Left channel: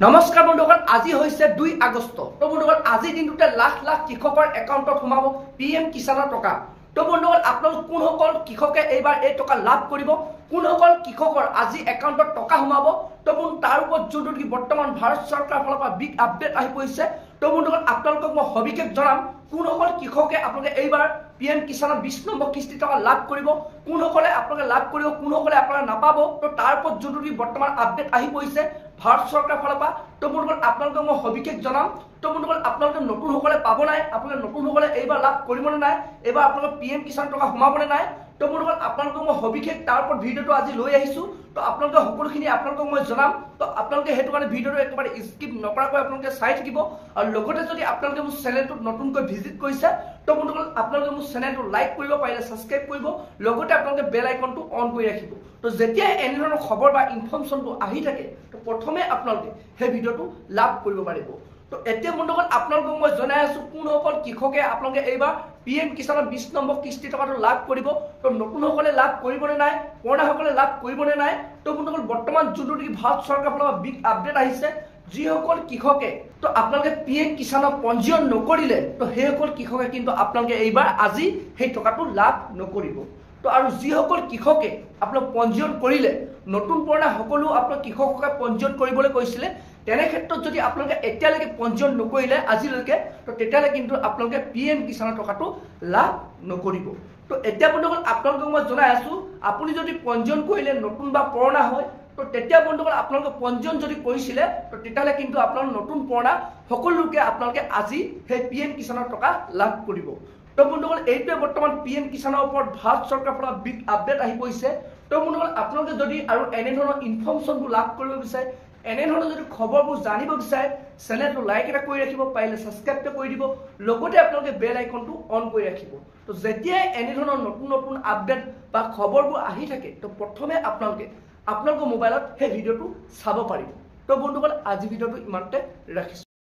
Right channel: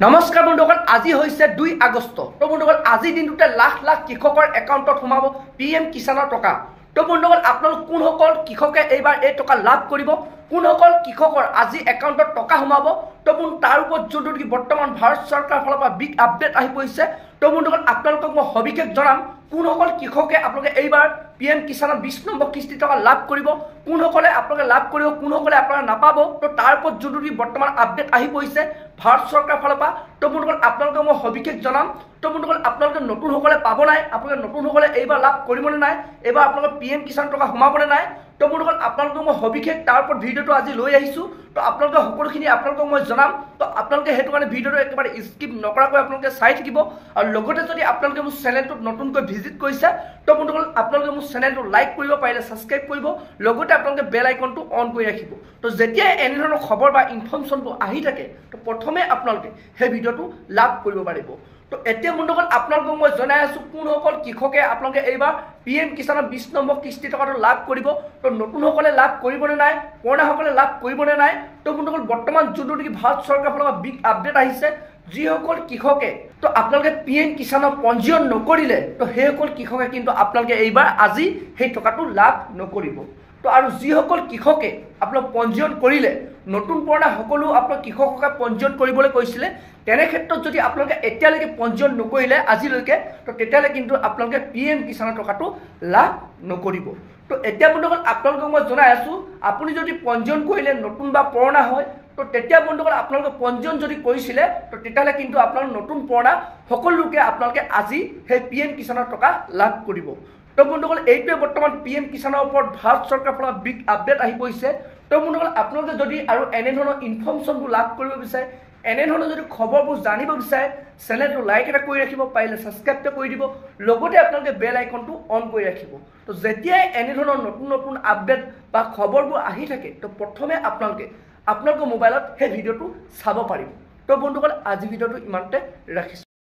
নমস্কাৰ বন্ধুসকল, আজি হৈছে 2 আগষ্ট। তো বন্ধুসকল, আজি দিনটোতে লাখ লাখ কৃষকৰ একাউণ্টত সোমাব PM কিষাণৰ টকা। তো বন্ধুসকল, আপোনালোক কোনসকল কৃষকে এইবাৰ এই টকা লাভ কৰিব, কোনসকল কৃষকৰ আজি একাউণ্টত টকা সোমাব, তো তাৰ ওপৰত যোনটো বৰ্তমান ভাৰত চৰকাৰৰ ফালৰ পৰা বিগ আপডেট আহি পৰিছে। তো বন্ধুসকল, আপোনালোকক মই সবিশেষ জনাম কোনসকল কৃষকে আপোনালোকে এইবাৰ PM কিষাণৰ 20 নম্বৰ কিস্তি টকা লাভ কৰিব, কোনসকলে আপোনালোকে লাভ কৰিব, কোনসকলে আপোনালোকে নাপাব। তো তাৰ ওপৰত যোনটো বৰ্তমান আপডেট আহি পৰিছে ভাৰত চৰকাৰৰ ফালৰ পৰা। তো বন্ধুসকল, আপোনালোকে মই সবিশেষ জনাম। তো বন্ধুসকল, আপোনালোকে নতুনসকলে পাব নাই, আপোনালোকে নতুনসকলে এইবাৰ লাভ কৰিবনে নাই, এইবাৰ আপোনালোকৰ PM কিষাণ টকা সোমাবনে নাই। তো বন্ধুসকল, আপোনালোকক মই সবিশেষ তাৰ ওপৰত ভিডিঅ'টো আজি লৈ আহিছোঁ। তো আপোনালোকে সকলোখিনি আপোনালোকক মই জনাম। তো আপোনালোকে সেইটো কাৰণে ভিডিঅ'টো একেবাৰে স্কিপ নকৰাকৈ আপোনালোকে চাই থাকিব। আৰু লগতে যদি আপোনালোকে মোৰ চেনেলটোত নতুনকৈ ভিজিট কৰিছে, তো বন্ধুসকল, আপোনালোকে মোৰ চেনেলটো লাইক কৰিব, পাৰিলে ছাবস্ক্ৰাইব কৰিব, লগতে আপোনালোকে বেল আইকনটো অন কৰি ৰাখিব। তো যেতিয়াই এনেধৰণৰ খবৰ বা ইনফৰ্মেশ্যনটো আহি থাকে, তো প্ৰথমে আপোনালোকে সেই ভিডিঅ'টো লাভ কৰিব পাৰিব। তো এতিয়া বন্ধুসকল, আপোনালোকক মই জনাই আছোঁ কোনসকল কৃষকে আপোনালোকে এইবাৰ PM কিষাণৰ 20 নম্বৰ কিস্তি টকাটো লাভ কৰিব। তো নতুনসকলে লাভ কৰিবনে নাই, পুৰণাসকলে লাভ কৰিবনে নাই। তো বন্ধুসকল, বৰ্তমান যোনটো ভাৰত চৰকাৰৰ ফালৰ পৰা বিগ আপডেট আহিছে, যিসকল কৃষকে তো আপোনালোকে PM কিষাণৰ পঞ্জীয়ন নকৰিলে, তো সেইসকল কৃষকে কিন্তু আপোনালোকে এইবাৰ আজি সেই টকাটো লাভ নকৰিব। তো আৰু যিসকল কৃষকে আপোনালোক পঞ্জীয়ন কৰিলে, নতুন পুৰণা সকলো আপোনাক কৃষককে পঞ্জীয়ন কৰিবলৈ কৈছিলে, তেনে ক্ষেত্ৰত যদি আপোনালোকে এতিয়ালৈকে পঞ্জীয়ন নকৰিলে আজিলৈকে, তো তেতিয়াহ'লে কিন্তু আপোনালোকে PM কিষাণৰ টকাটো লাভ নকৰিব। তো এতিয়া বন্ধুসকল, আপোনালোকক মই জনাই আছোঁ, আপুনি যদি পঞ্জীয়ন কৰিলে নতুন বা পুৰণা হয়, তো তেতিয়া বন্ধুসকল আপোনালোকে পঞ্জীয়ন যদি কৰিছিলে, তো তেতিয়াহ'লে কিন্তু আপোনালোক নতুন পুৰণা সকলো লোকে আপোনালোকে আজি সেই PM কিষাণৰ টকা লাভ কৰিব। তো বন্ধুসকল, এইটোৱে বৰ্তমান PM কিষাণৰ ওপৰত ভাৰত চৰকাৰৰ পৰা বিগ আপডেট আহি পৰিছে। তো বন্ধুসকল, আপোনালোকে যদি আৰু এনেধৰণৰ ইনফৰ্মেশ্যনবোৰ লাভ কৰিব বিচাৰে, এনেধৰণৰ যদি খবৰবোৰ জানিব বিচাৰে, চেনেলটো লাইক এটা কৰি ৰাখিব, পাৰিলে ছাবস্ক্ৰাইব এটা কৰি দিব, লগতে আপোনালোকে বেল আইকনটো অন কৰি ৰাখিব। তো যেতিয়াই এনেধৰণৰ নতুন নতুন আপডেট বা খবৰবোৰ আহি থাকে, তো প্ৰথমে আপোনালোকে আপোনালোকৰ মোবাইলত সেই ভিডিঅ'টো চাব পাৰিব। তো বন্ধুসকল, আজি ভিডিঅ'টো ইমানতে ৰাখিছোঁ।